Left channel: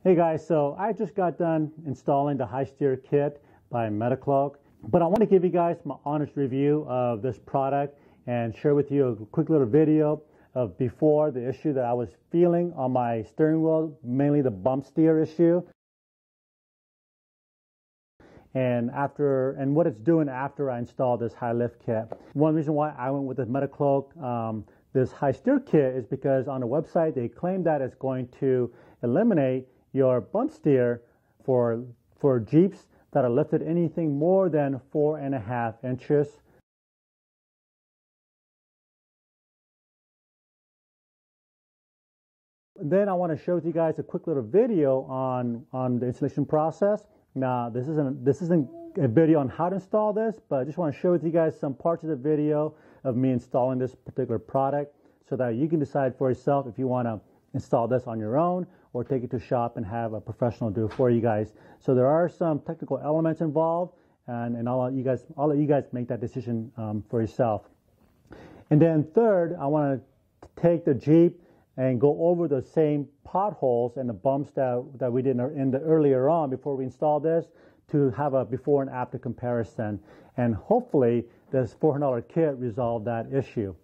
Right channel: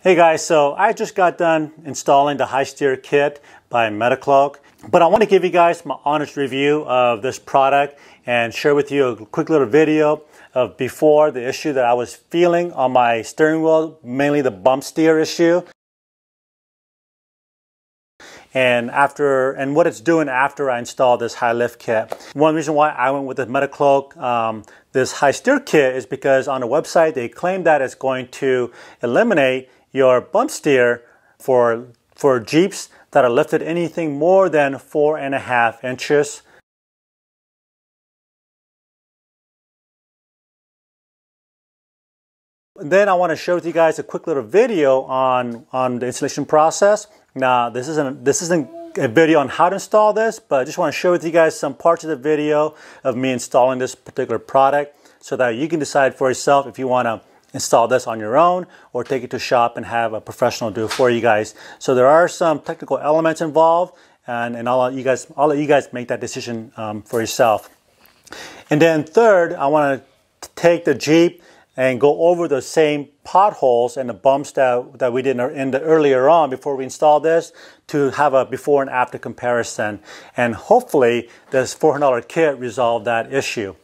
Hey guys, so I just got done installing the high steer kit by Metalcloak, but I want to give you guys my honest review of this product and share with you a quick little video of before the issue that I was feeling on my steering wheel, mainly the bump steer issue, and what it's doing after I installed this high lift kit. One reason why I went with the Metalcloak, this high steer kit, is because on the website they claim that it's going to eliminate your bump steer for Jeeps that are lifted anything more than 4.5 inches. Then I want to share with you guys a quick little video on the installation process. Now this isn't a video on how to install this, but I just want to share with you guys some parts of the video of me installing this particular product so that you can decide for yourself if you want to install this on your own or take it to shop and have a professional do it for you guys. So there are some technical elements involved, and I'll let you guys make that decision for yourself. And then third, I want to take the Jeep and go over the same potholes and the bumps that we did earlier on before we installed this to have a before and after comparison. And hopefully this $400 kit resolved that issue.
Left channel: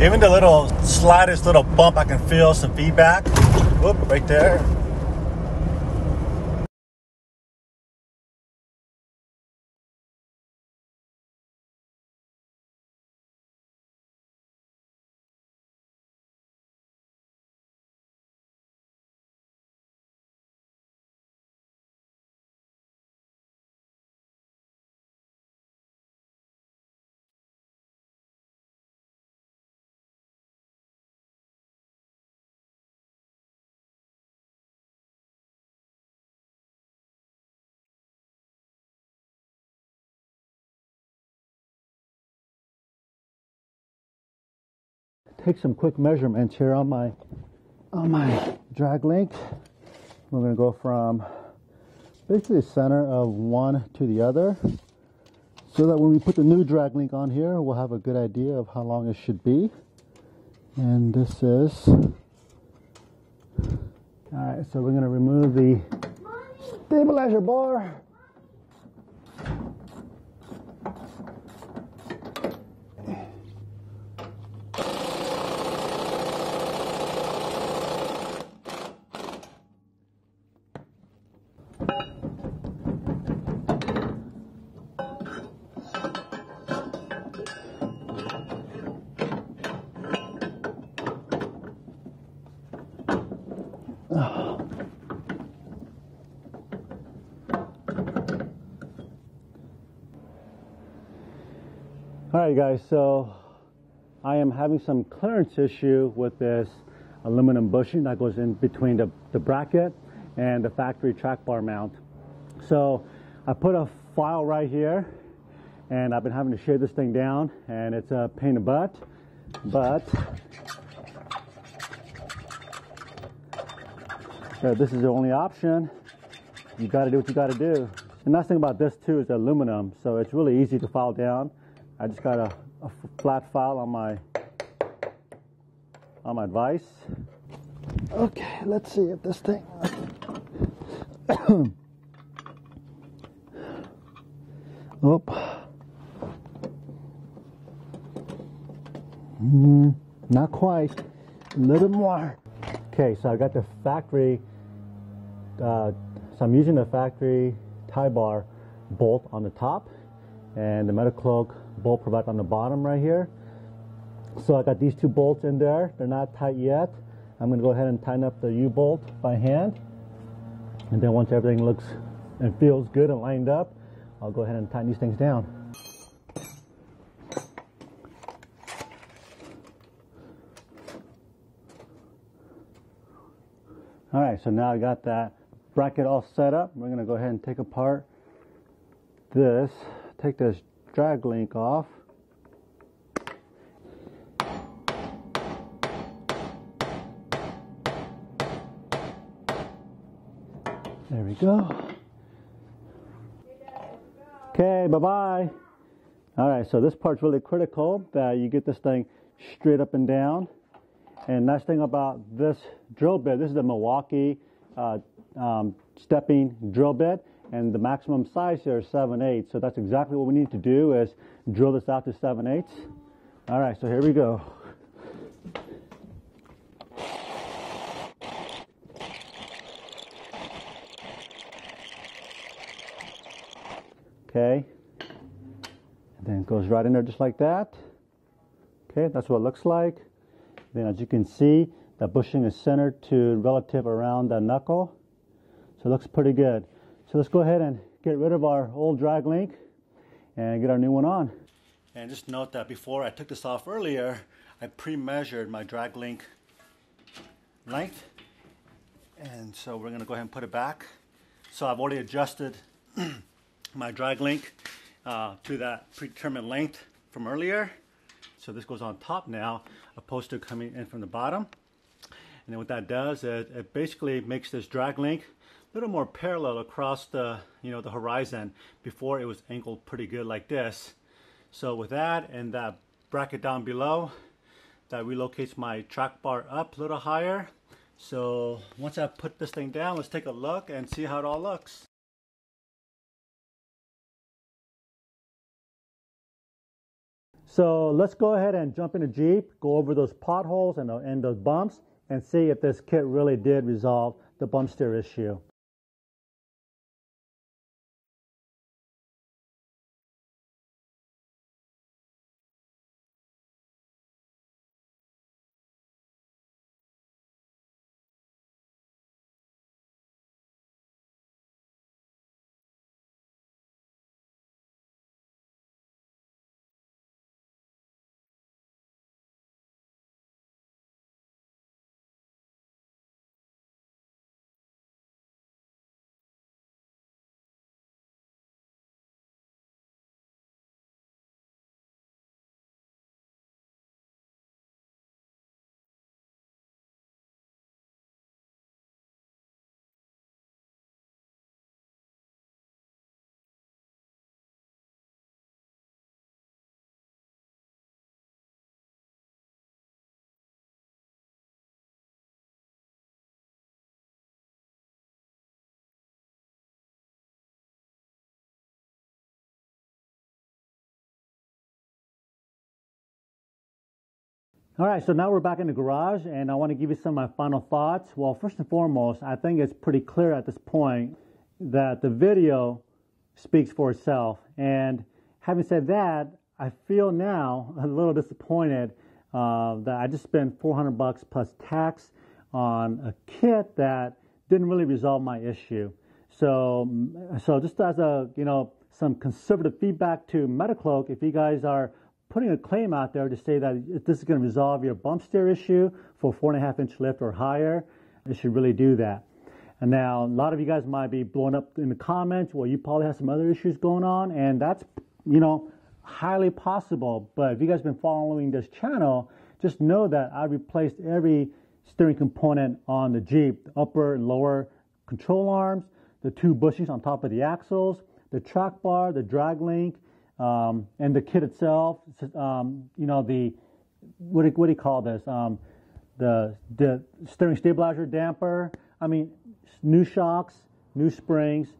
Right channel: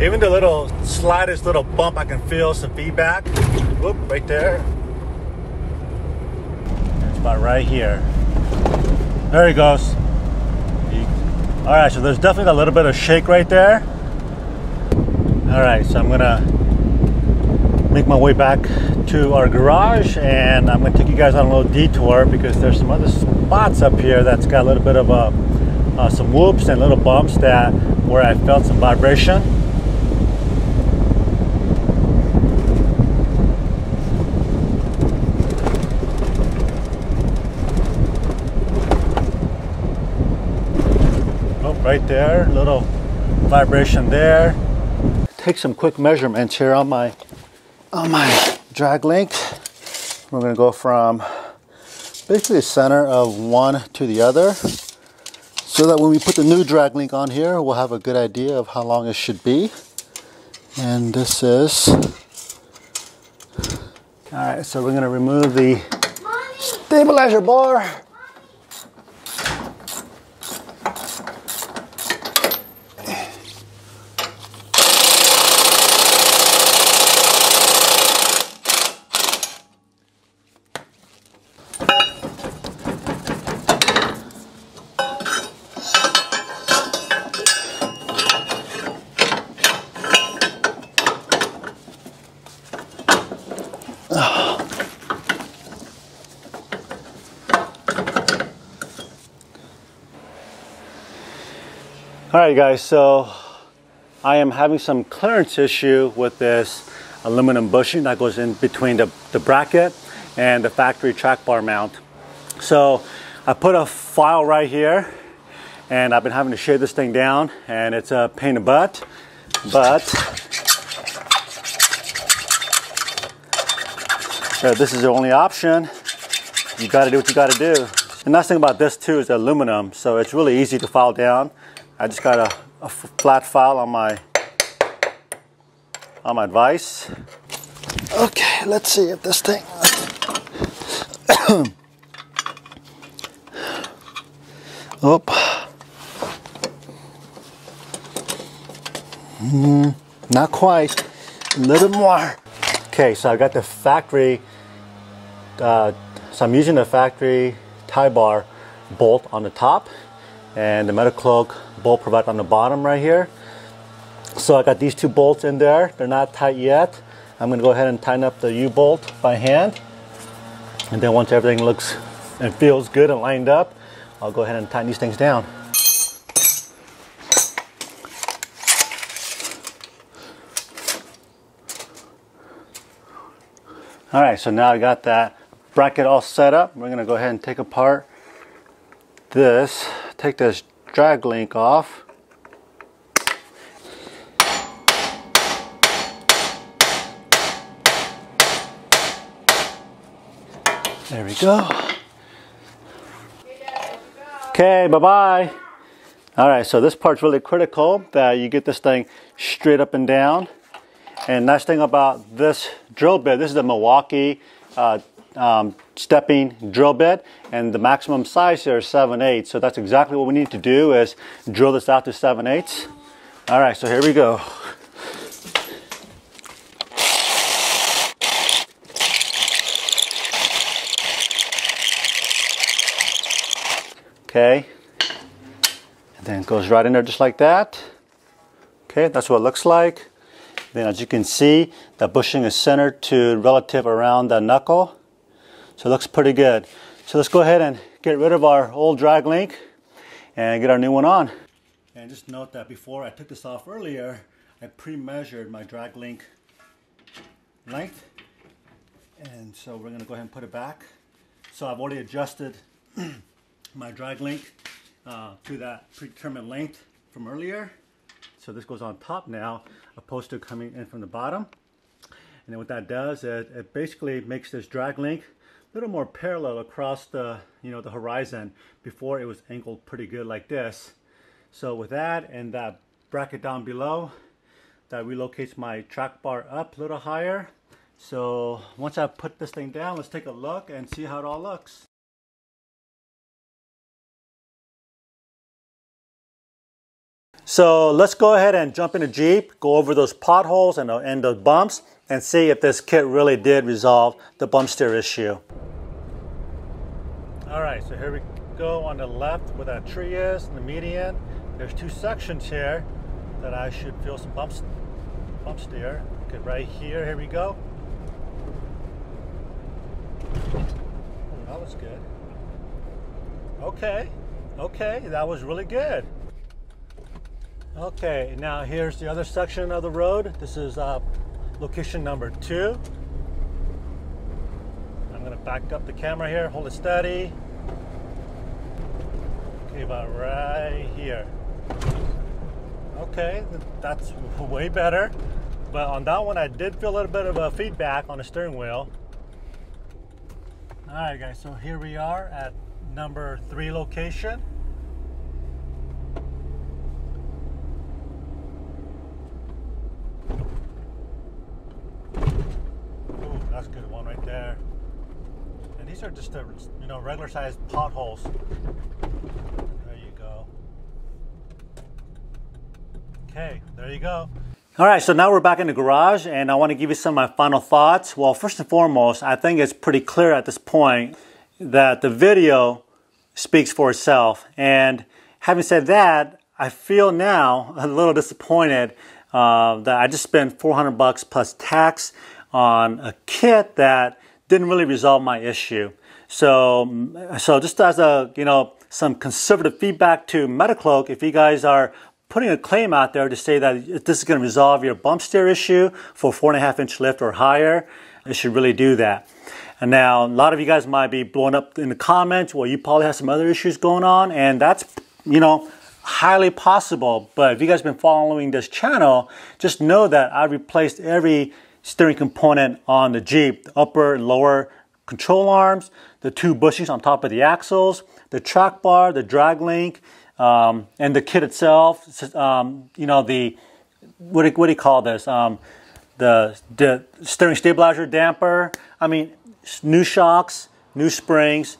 Even the slightest little bump, I can feel some feedback. Whoop, right there. It's about right here. There he goes. All right, so there's definitely a little bit of shake right there. All right, so I'm gonna make my way back to our garage, and I'm gonna take you guys on a little detour because there's some other spots up here that's got a little bit of some whoops and little bumps where I felt some vibration. Right there, little vibration there. Take some quick measurements here on my drag link. We're going to go from basically the center of one to the other, so that when we put the new drag link on here, we'll have a good idea of how long it should be. And this is all right. So we're going to remove the stabilizer bar. All right guys, so I am having some clearance issue with this aluminum bushing that goes in between the bracket and the factory track bar mount. So I put a file right here, and I've been having to shave this thing down, and it's a pain in the butt, but this is the only option. You got to do what you got to do. The nice thing about this too is aluminum, so it's really easy to file down. I just got a flat file on my vise. Okay, let's see if this thing. Not quite. A little more. Okay, so I got the factory. So I'm using the factory tie bar bolt on the top, and the Metalcloak bolt provided on the bottom right here. So I got these two bolts in there. They're not tight yet. I'm going to go ahead and tighten up the U-bolt by hand. And then once everything looks and feels good and lined up, I'll go ahead and tighten these things down. All right, so now I got that bracket all set up. We're going to go ahead and take apart this. Take this drag link off. There we go. Okay, bye-bye. All right, so this part's really critical, that you get this thing straight up and down. And nice thing about this drill bit, this is a Milwaukee stepping drill bit, and the maximum size here is 7/8. So that's exactly what we need to do, is drill this out to 7/8. All right, so here we go. Okay, and then it goes right in there just like that. Okay, that's what it looks like. Then as you can see, the bushing is centered to relative around the knuckle. So it looks pretty good. So let's go ahead and get rid of our old drag link and get our new one on. And just note that before I took this off earlier, I pre-measured my drag link length. And so we're gonna go ahead and put it back. So I've already adjusted my drag link to that predetermined length from earlier. So this goes on top now, opposed to coming in from the bottom. And then what that does is it basically makes this drag link a little more parallel across the, the horizon. Before it was angled pretty good like this. So with that and that bracket down below, that relocates my track bar up a little higher. So once I put this thing down, let's take a look and see how it all looks. So let's go ahead and jump in the Jeep, go over those potholes and those bumps, and see if this kit really did resolve the bump steer issue. All right, so here we go on the left where that tree is, in the median. There's two sections here that I should feel some bump steer. Okay, right here we go. Oh, that was good. Okay, that was really good. Okay, now here's the other section of the road. This is location number 2. I'm gonna back up the camera here, hold it steady. Okay, about right here. Okay, that's way better. But on that one, I did feel a little bit of a feedback on the steering wheel. All right, guys, so here we are at number 3 location. That's a good one right there. And these are just the, regular sized potholes. There you go. Okay, there you go. All right, so now we're back in the garage and I want to give you some of my final thoughts. Well, first and foremost, I think it's pretty clear at this point that the video speaks for itself. And having said that, I feel now a little disappointed that I just spent $400 plus tax on a kit that didn't really resolve my issue. So just as a, some conservative feedback to Metalcloak, if you guys are putting a claim out there to say that this is going to resolve your bump steer issue for 4.5-inch lift or higher, it should really do that. And now a lot of you guys might be blowing up in the comments, well, you probably have some other issues going on, and that's, highly possible. But if you guys have been following this channel, just know that I replaced every steering component on the Jeep, the upper and lower control arms, the 2 bushings on top of the axles, the track bar, the drag link, and the kit itself. The what do you call this? The steering stabilizer damper. I mean, new shocks, new springs.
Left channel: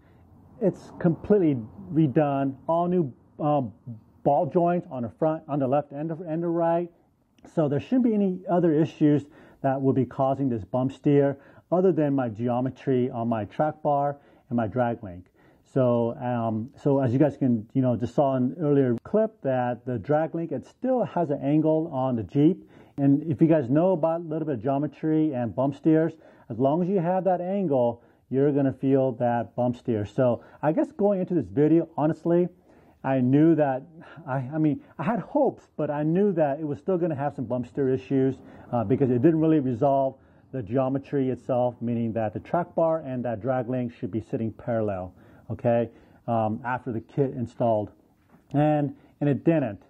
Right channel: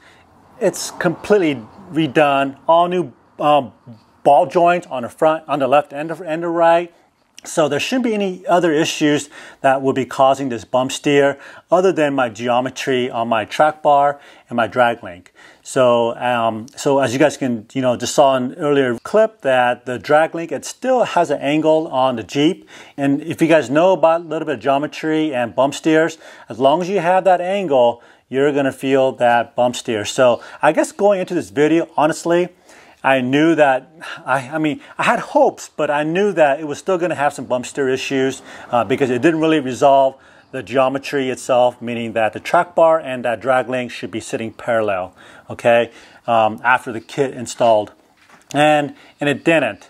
It's completely redone. All new ball joints on the front, on the left and the right. So there shouldn't be any other issues that will be causing this bump steer other than my geometry on my track bar and my drag link. So as you guys can, just saw in an earlier clip that the drag link, it still has an angle on the Jeep. And if you guys know about a little bit of geometry and bump steers, as long as you have that angle, you're gonna feel that bump steer. So I guess going into this video, honestly, I knew that, I had hopes, but I knew that it was still going to have some bump steer issues because it didn't really resolve the geometry itself, meaning that the track bar and that drag link should be sitting parallel, okay, after the kit installed. And it didn't.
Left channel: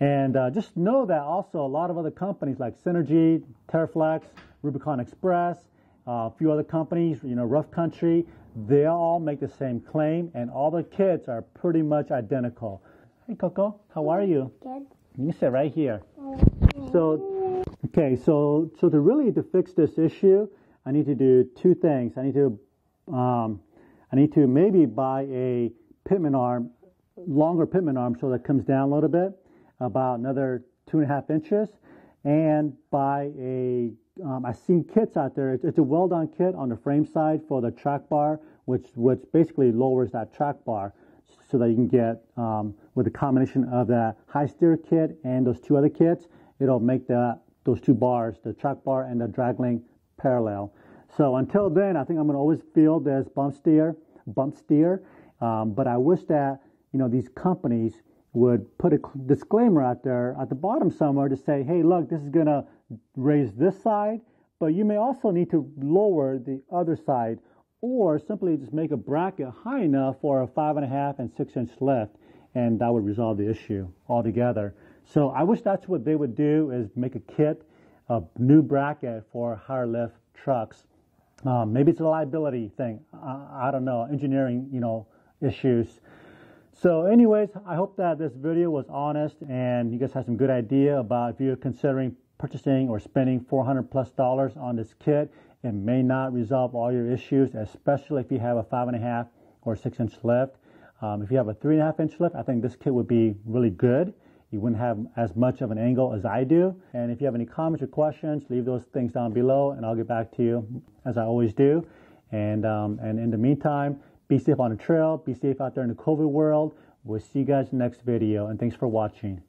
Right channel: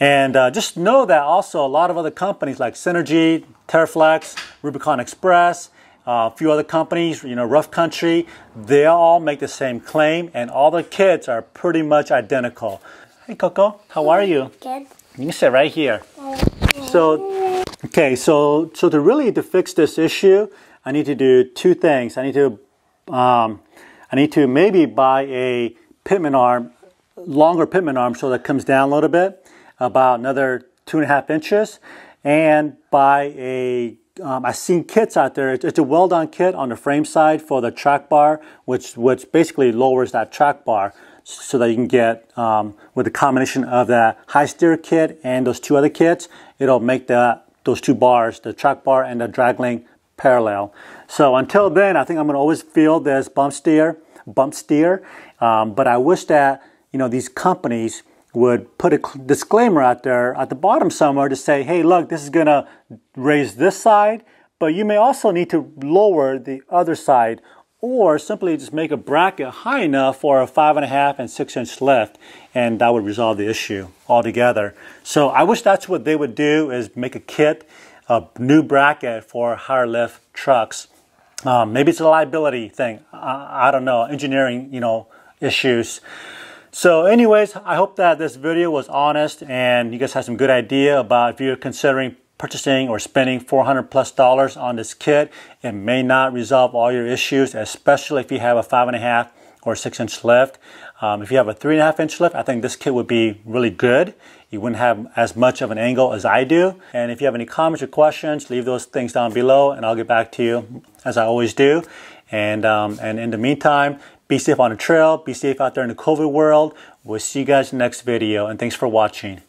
And just know that also a lot of other companies like Synergy, Terraflex, Rubicon Express, a few other companies, Rough Country, they all make the same claim, and all the kits are pretty much identical. Hey, Coco, how are you? Good. You can sit right here. So to fix this issue, I need to do two things. I need to maybe buy a pitman arm, longer pitman arm, so that it comes down a little bit, about another 2.5 inches, and buy a I've seen kits out there. It's a well-done kit on the frame side for the track bar, which basically lowers that track bar, so that you can get, with the combination of the high steer kit and those two other kits, it'll make those two bars, the track bar and the drag link, parallel. So until then, I think I'm going to always feel this bump steer. But I wish that, these companies would put a disclaimer out there at the bottom somewhere to say, hey, look, this is going to raise this side, but you may also need to lower the other side, or simply just make a bracket high enough for a 5.5 and 6 inch lift, and that would resolve the issue altogether. So I wish that's what they would do, is make a kit, a new bracket for higher lift trucks. Maybe it's a liability thing. I don't know, engineering, issues. So anyways, I hope that this video was honest and you guys have some good idea about if you're considering purchasing or spending $400+ on this kit. It may not resolve all your issues, especially if you have a 5.5 or 6 inch lift. If you have a 3.5 inch lift, I think this kit would be really good. You wouldn't have as much of an angle as I do. And if you have any comments or questions, leave those things down below and I'll get back to you as I always do. And in the meantime, be safe on the trail, be safe out there in the COVID world. We'll see you guys in the next video, and thanks for watching.